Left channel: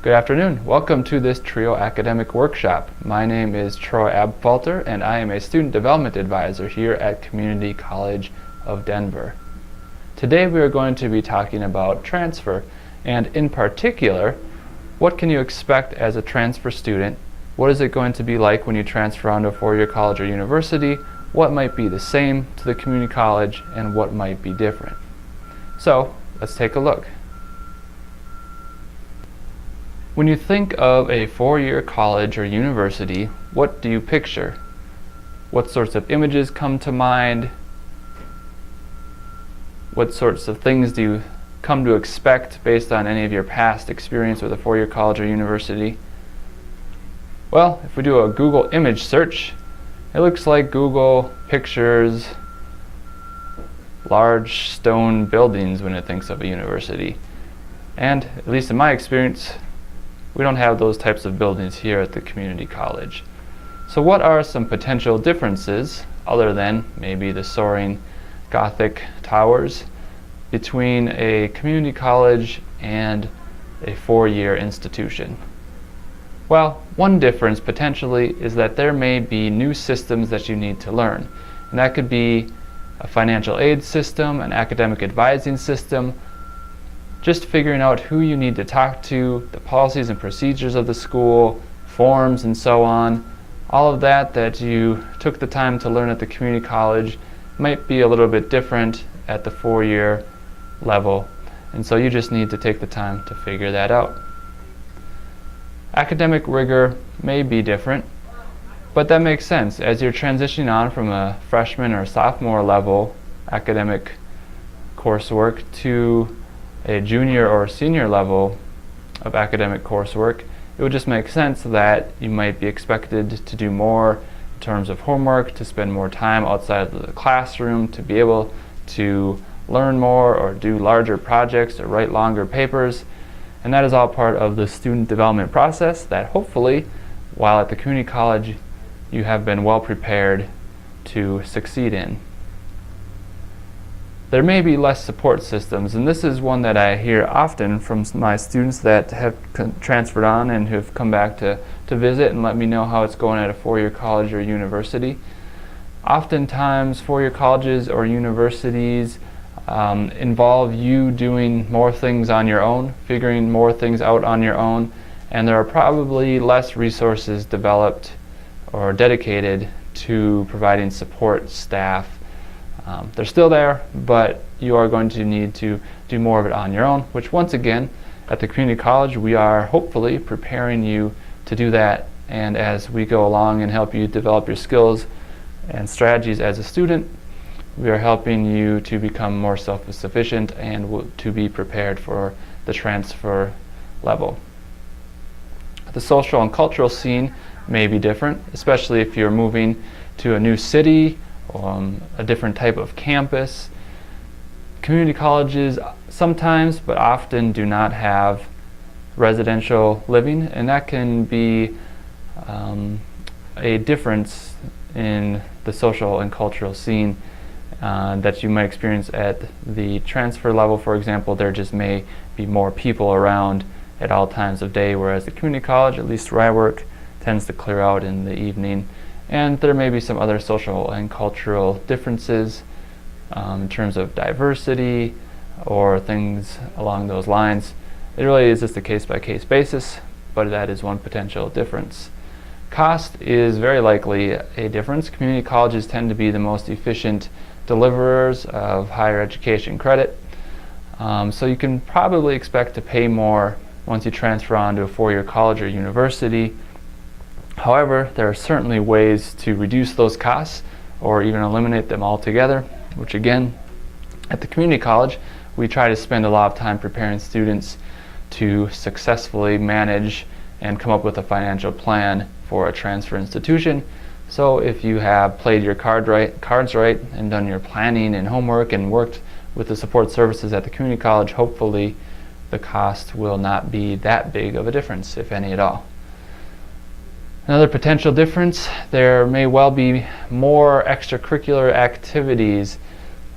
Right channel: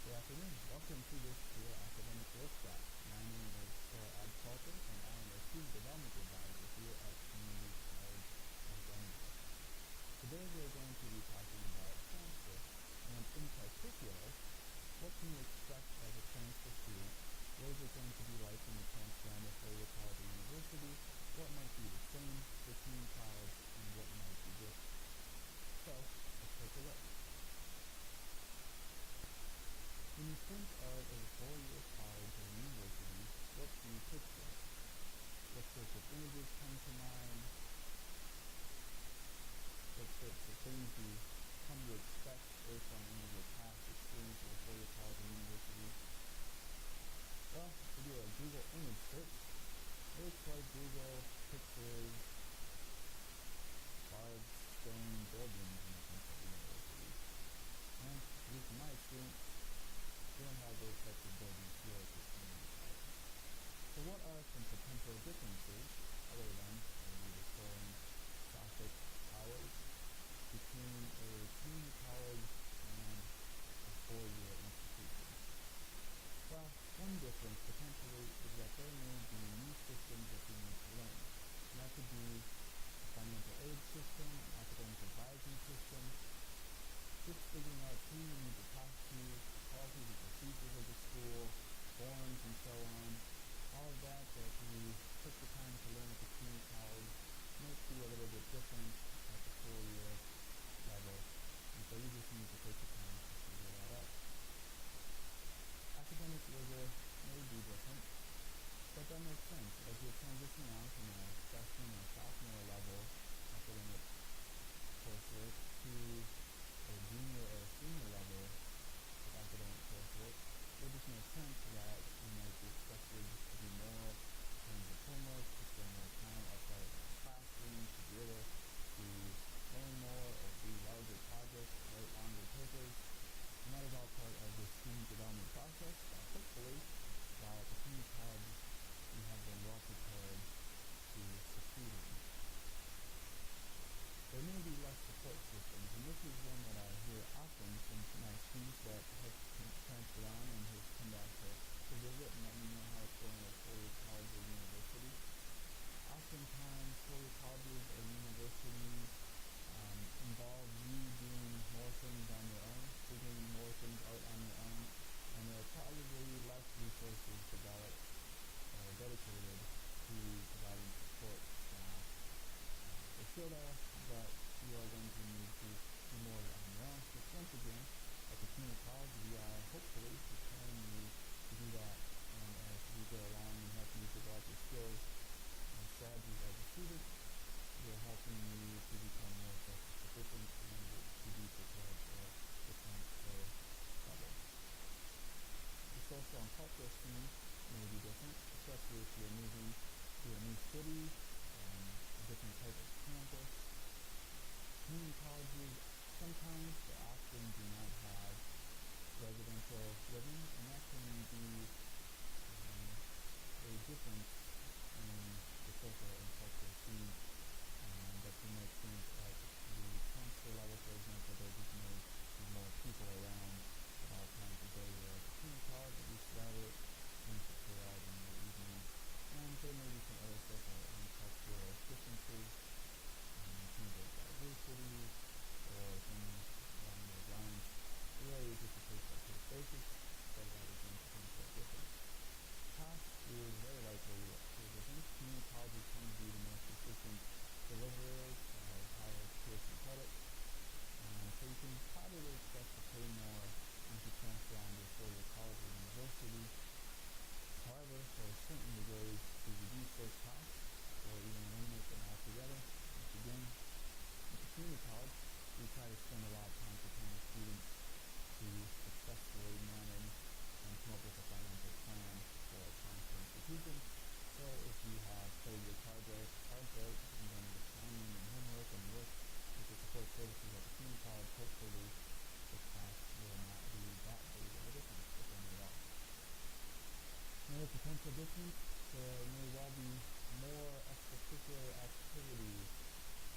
Good afternoon. Welcome to this TRIO academic workshop. My name is Troy Abfalter and I am a student development advisor here at Community College of Denver. Today we are going to be talking about transfer, and in particular, what can you expect as a transfer student? What is it going to be like when you transfer onto a four-year college or university? What might be the same to the community college and what might be different? So let's take a look. When you think of a four-year college or university, what do you picture? What sorts of images come to mind? What sorts of things do you come to expect based on any of your past experience with a four-year college or university? Well, if we do a Google image search, it looks like Google pictures large stone buildings when it thinks of a university. And at least in my experience, we don't have those types of buildings here at the community college. So what are some potential differences, other than maybe the soaring Gothic towers, between a community college and a four-year institution? Well, one difference potentially is that there may be new systems that you need to learn. And that could be a financial aid system, an academic advising system, just figuring out who you need to talk to, the policies and procedures of the school, forms and so on. All of that you took the time to learn at the community college might be a little bit different at the four-year level, and so you just need to take the time to figure that out. Academic rigor may be different, but that makes sense. As you're transitioning on from a freshman or sophomore level academic coursework to a junior or senior level of academic coursework, it would just make sense that you might be expected to do more in terms of homework, to spend more time outside of the classroom, to be able to learn more or do larger projects or write longer papers. And that is all part of the student development process that hopefully, while at the community college, you have been well prepared to succeed in. There may be less support systems, and this is one that I hear often from my students that have transferred on and who have come back to visit and let me know how it's going at a four-year college or university. Oftentimes, four-year colleges or universities involve you doing more things on your own, figuring more things out on your own, and there are probably less resources developed or dedicated to providing support staff. They're still there, but you are going to need to do more of it on your own, which once again, at the community college, we are hopefully preparing you to do that. And as we go along and help you develop your skills and strategies as a student, we are helping you to become more self-sufficient and to be prepared for the transfer level. The social and cultural scene may be different, especially if you're moving to a new city, a different type of campus. Community colleges sometimes, but often, do not have residential living, and that can be a difference in the social and cultural scene that you might experience at the transfer level. For example, there just may be more people around at all times of day, whereas the community college, at least where I work, tends to clear out in the evening. And there may be some other social and cultural differences in terms of diversity or things along those lines. It really is just a case-by-case basis, but that is one potential difference. Cost is very likely a difference. Community colleges tend to be the most efficient deliverers of higher education credit, so you can probably expect to pay more once you transfer on to a four-year college or university. However, there are certainly ways to reduce those costs or even eliminate them altogether, which again, at the community college, we try to spend a lot of time preparing students to successfully manage and come up with a financial plan for a transfer institution. So if you have played your cards right and done your planning and homework and worked with the support services at the community college, hopefully the cost will not be that big of a difference, if any at all. Another potential difference, there may well be more extracurricular activities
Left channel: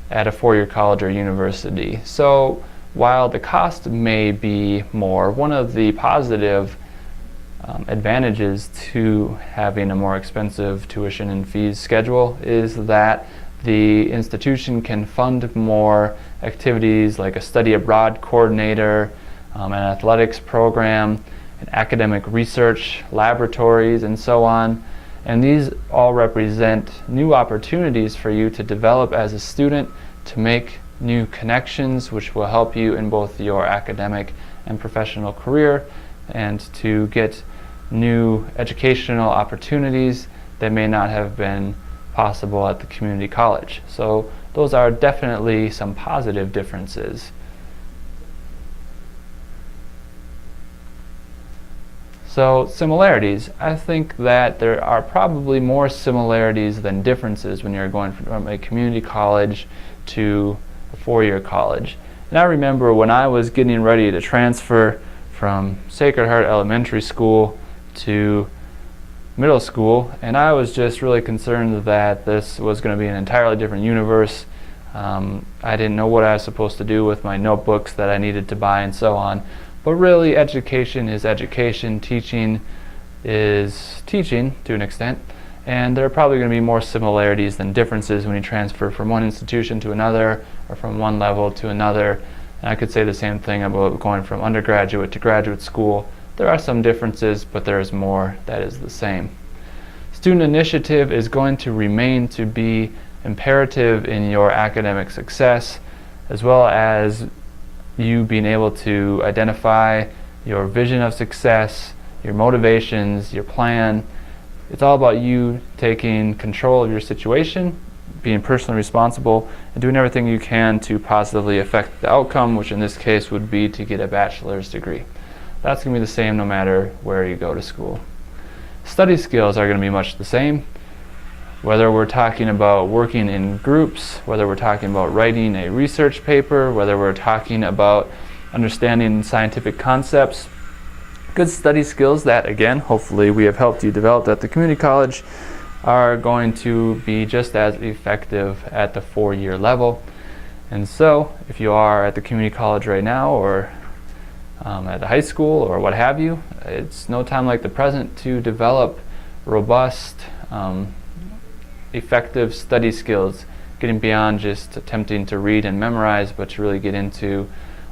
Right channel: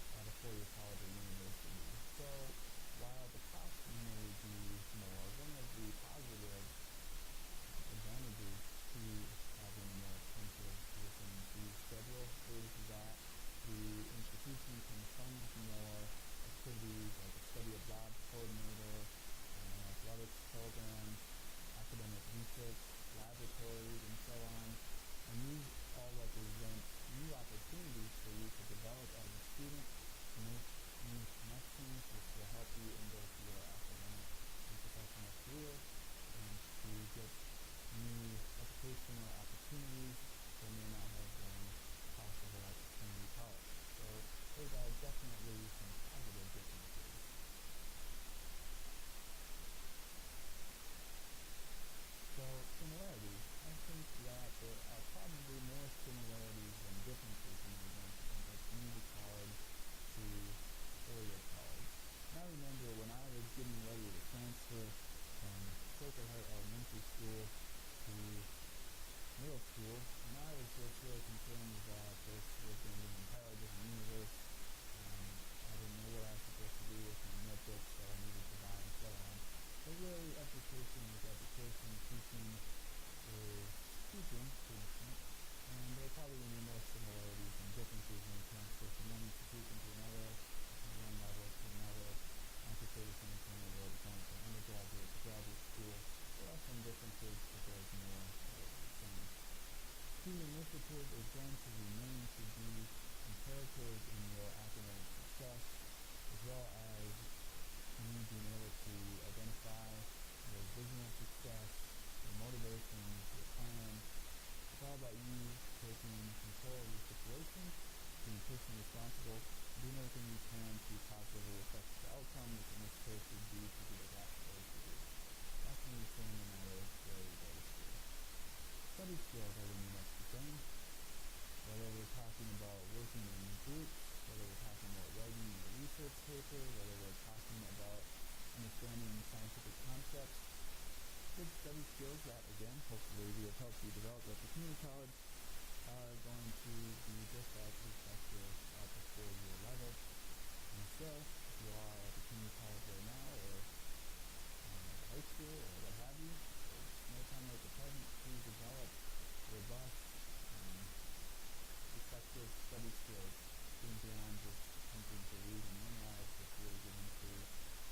at a four-year college or university. So while the cost may be more, one of the positive advantages to having a more expensive tuition and fees schedule is that the institution can fund more activities like a study abroad coordinator, an athletics program, an academic research laboratories, and so on. And these all represent new opportunities for you to develop as a student, to make new connections which will help you in both your academic and professional career, and to get new educational opportunities that may not have been possible at the community college. So those are definitely some positive differences. So similarities. I think that there are probably more similarities than differences when you're going from a community college to a four-year college. And I remember when I was getting ready to transfer from Sacred Heart Elementary School to middle school, and I was just really concerned that this was going to be an entirely different universe. I didn't know what I was supposed to do with my notebooks that I needed to buy and so on. But really, education is education, teaching is teaching to an extent, and there are probably going to be more similarities than differences when you transfer from one institution to another or from one level to another. And I could say the same thing about going from undergraduate to graduate school. There are some differences, but there is more that is the same. Student initiative is going to remain to be imperative in your academic success, as well as you being able to identify your vision of success, your motivations, your plan. It's all about you taking control of your situation, being personally responsible, and doing everything you can to positively affect the outcome, which in this case would be to get a bachelor's degree. That's going to be the same no matter where you go to school. Study skills are going to be much the same. Whether we're talking about working in groups, whether we're talking about writing a research paper, whether we're talking about understanding scientific concepts, good study skills that, again, hopefully we have helped you develop at the community college, are going to be just as effective at the four-year level. And so, if you are at the community college right now, or at the high school, or what have you, it's no time like the present to develop robust, effective study skills, getting beyond just attempting to read and memorize, but to really get into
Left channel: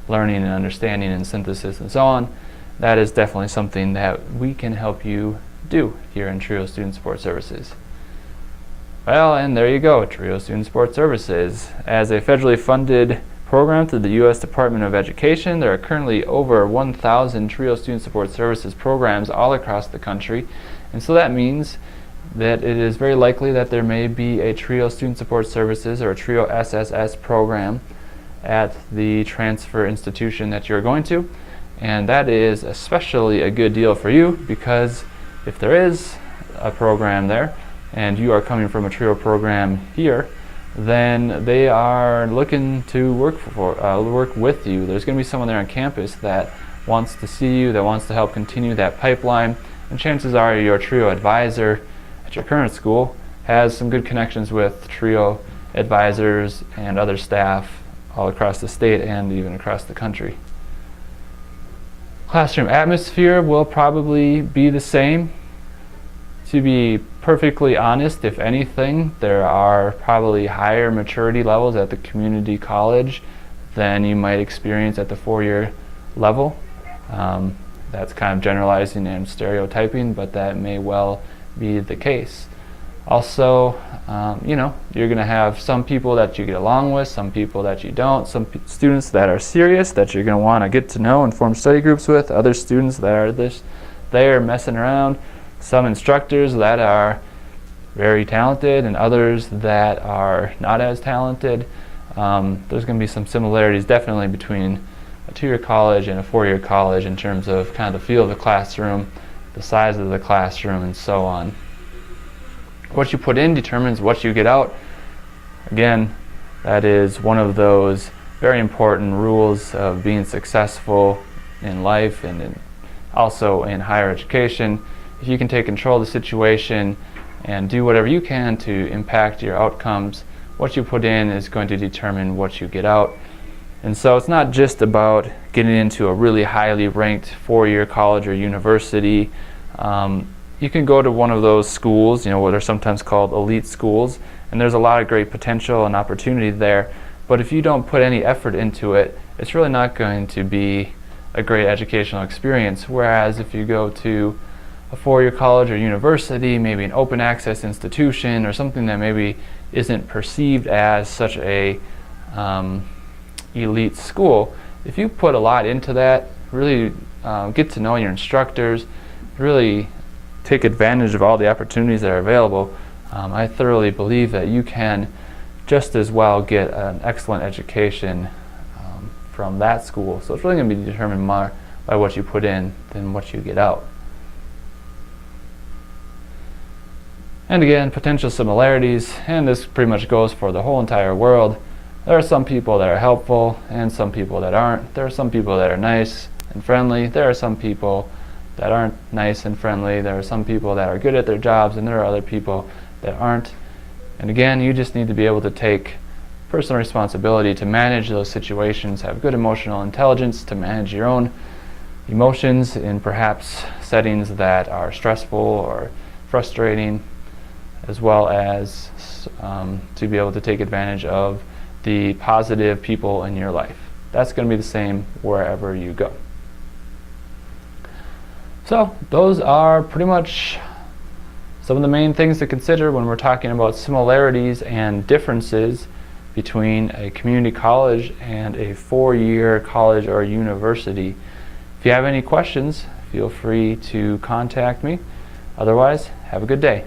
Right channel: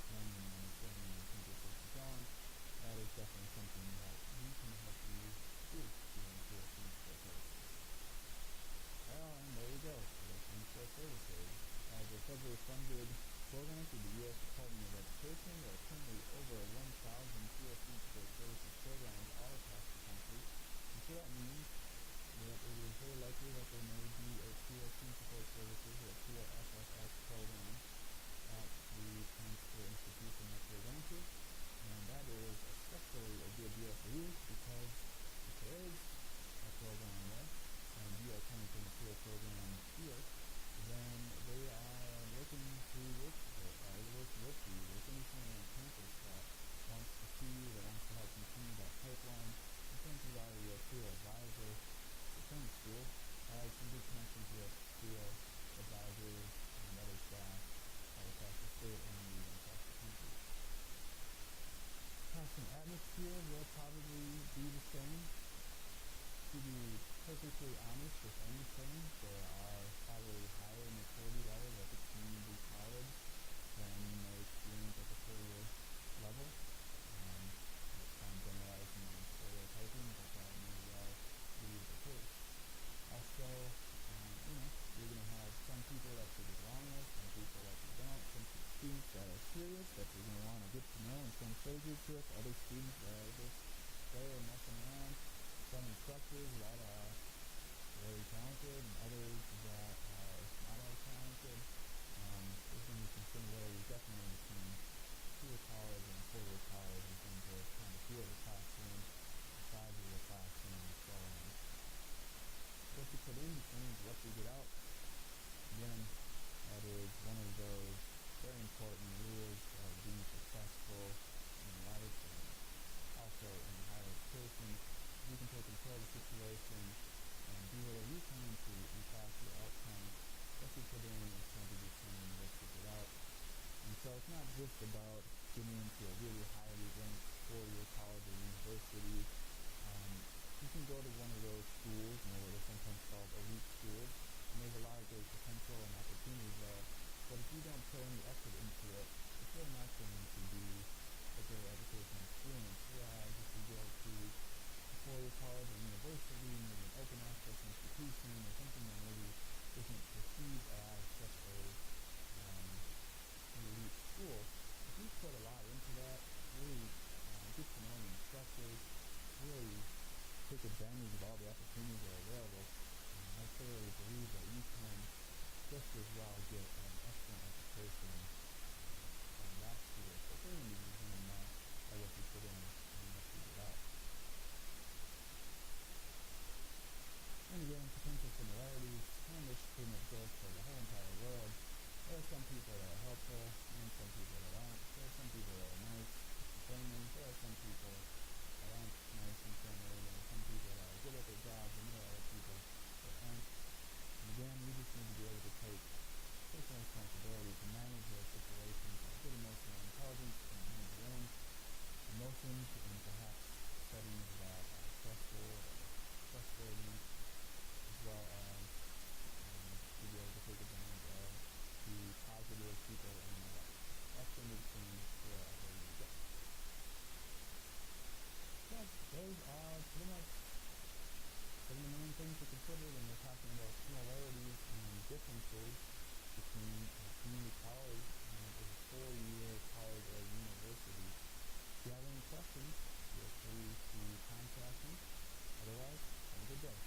learning and understanding and synthesis and so on. That is definitely something that we can help you do here in TRIO Student Support Services. Well, and there you go, TRIO Student Support Services. As a federally funded program through the U.S. Department of Education, there are currently over 1,000 TRIO Student Support Services programs all across the country, and so that means that it is very likely that there may be a TRIO Student Support Services or a TRIO SSS program at the transfer institution that you're going to, and that is especially a good deal for you, because if there is a program there and you are coming from a TRIO program here, then they are looking to work with you. There's going to be someone there on campus that wants to see you, that wants to help continue that pipeline, and chances are your TRIO advisor at your current school has some good connections with TRIO advisors and other staff all across the state and even across the country. Classroom atmosphere will probably be the same. To be perfectly honest, if anything, there are probably higher maturity levels at the community college than you might experience at the four-year level. That's kind of generalizing and stereotyping, but that may well be the case. Also, you're going to have some people that you get along with, some people that you don't, some students that are serious that you're going to want to get to know and form study groups with, other students that are there messing around, some instructors that are very talented and others that are not as talented. There's going to be some similarities definitely between a two-year college and a four-year college in terms of kind of the feel of the classroom, the size of the classroom, and so on. What you put in determines what you get out. Again, that is one of those very important rules of being successful in life and also in higher education. If you can take control of the situation and do whatever you can to impact your outcomes, what you put in is going to determine what you get out. And so it's not just about getting into a really highly ranked four-year college or university. You can go to one of those schools, what are sometimes called elite schools, and there's a lot of great potential and opportunity there. But if you don't put any effort into it, it's really not going to be a great educational experience. Whereas if you go to a four-year college or university, maybe an open access institution or something that maybe isn't perceived as such a elite school, if you put a lot into that, really get to know your instructors, really take advantage of all the opportunities that are available, I thoroughly believe that you can just as well get an excellent education from that school. So it's really going to be determined more by what you put in than what you get out. And again, potential similarities, and this pretty much goes for the whole entire world. There are some people that are helpful and some people that aren't. There are some people that are nice and friendly. There are some people that aren't nice and friendly. There are some people that are good at their jobs, and there are other people that aren't. And again, you just need to be able to take personal responsibility to manage those situations, have good emotional intelligence to manage your own emotions in perhaps settings that are stressful or frustrating, as well as to be able to take advantage of the positive people in your life. That's going to be the same wherever you go. So those are pretty much some of the main things to consider when we're talking about similarities and differences between a community college and a four-year college or university. If you have any questions, feel free to contact me. Otherwise, have a good day.